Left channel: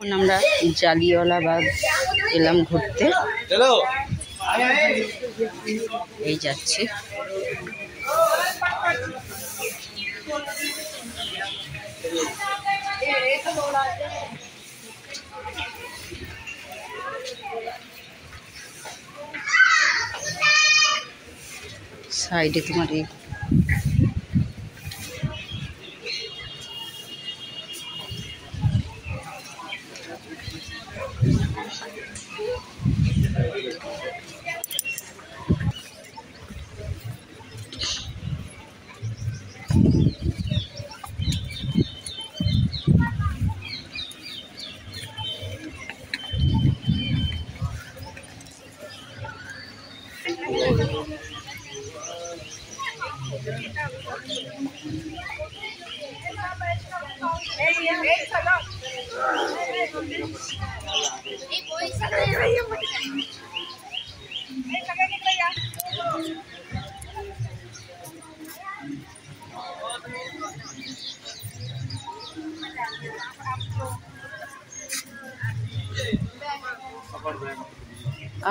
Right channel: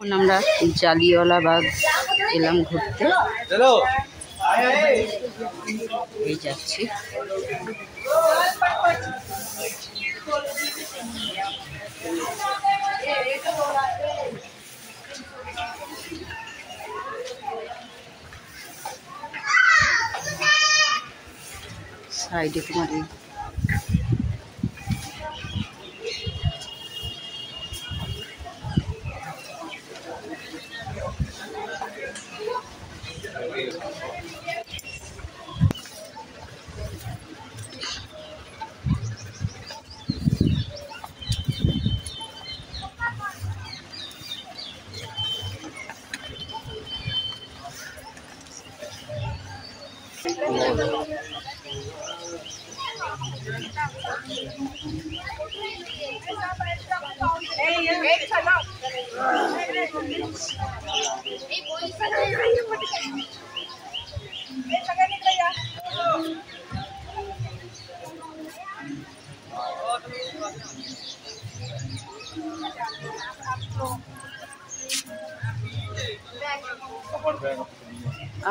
এখন আমরা জালিয়াওয়ালাবাগ এলাম ঘুরতে। এই যাচ্ছি। সাইডে তোমার এই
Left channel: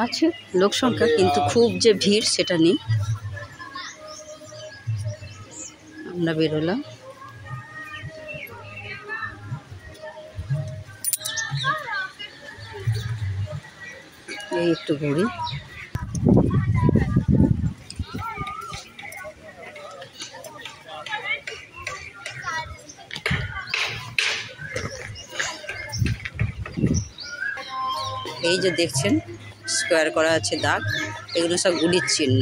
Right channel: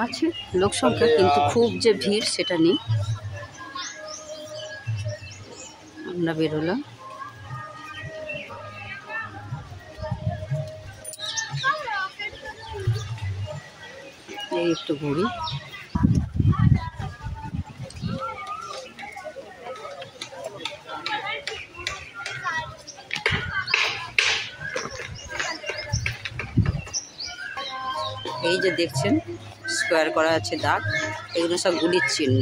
আছে লোক সংখ্যা, কিন্তু খুব যে ভিড় সেটা নেই। আমরা বেরোলাম। এই একটু ঘুরি। এই যে দেখছেন স্কোয়ার করা আছে দাগ, এগুলো সব গুলির চিহ্ন।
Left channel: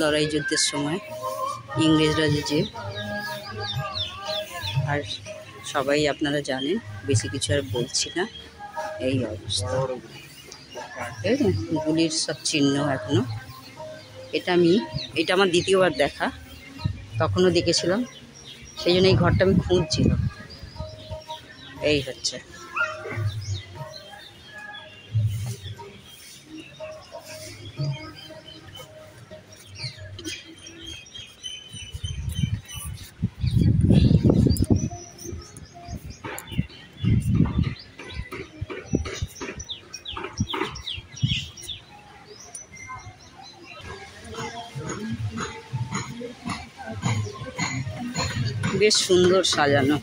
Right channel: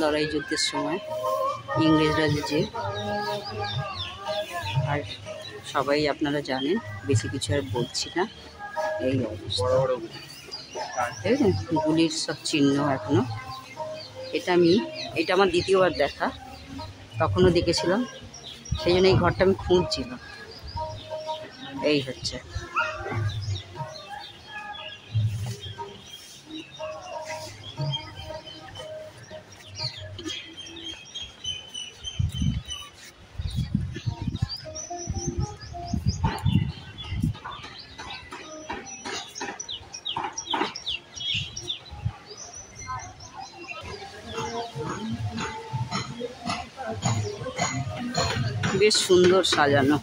লড়াই যুদ্ধের সময় ইংরেজরা যে, আর সবাই আপনারা জানেন, বেশি কিছু আর বলছি না। এই অবস্থা, গুলির সব চিহ্ন এখনো। এটা আমার দ্বিতীয়বার দেখা, তখনও দেখেছিলাম, সেই জন্য এই ঘরটা আমি খুঁজছিলাম। এই হচ্ছে বেশ সুন্দর সাজানো।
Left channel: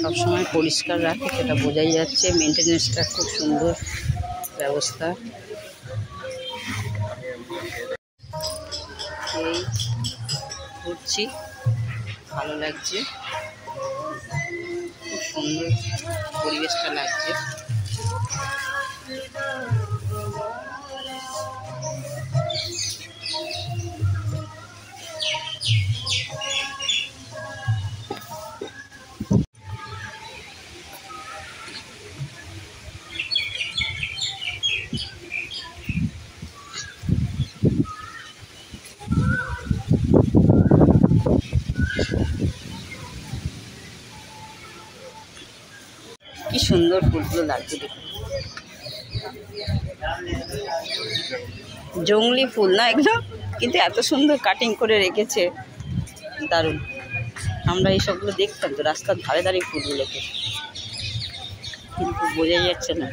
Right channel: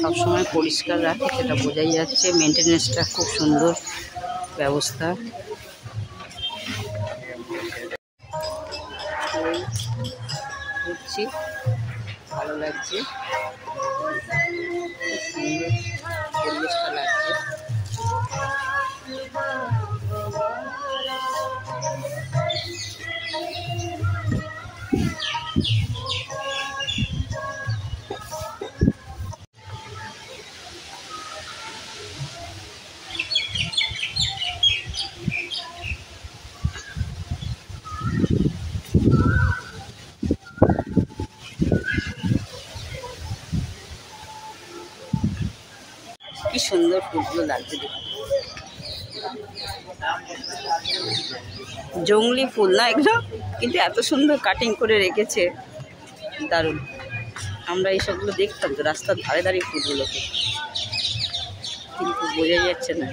সবসময় পরিষ্কার রাখে, সেটা বোঝাই যাচ্ছে। মেনটেনেন্সটা খুব সুন্দর ব্যবস্থা। এই ঘুরছি, ভালো লাগছে, খুব সুন্দর পরিবেশটা লাগছে। কি সুন্দর ফুলগুলো লাগছে দেখুন। জংলি ফুল না এগুলো, কিন্তু এত সুন্দর কাটিং করে রেখেছে, দারুণ। আমরা এই সবগুলো দেখতাম তো রাস্তার ধারে ধারে ফুলগুলোকে, কিন্তু বোঝা যাচ্ছে না।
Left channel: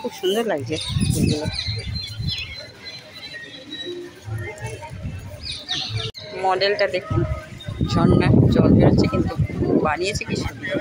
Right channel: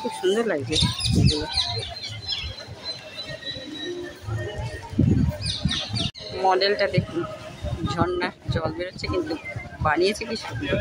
খুব সুন্দর লাগছে ফুলগুলো। মডেলটা দেখুন, ঝর্ণা জল বেরোচ্ছে, কিন্তু বানিয়েছে কি সুন্দর।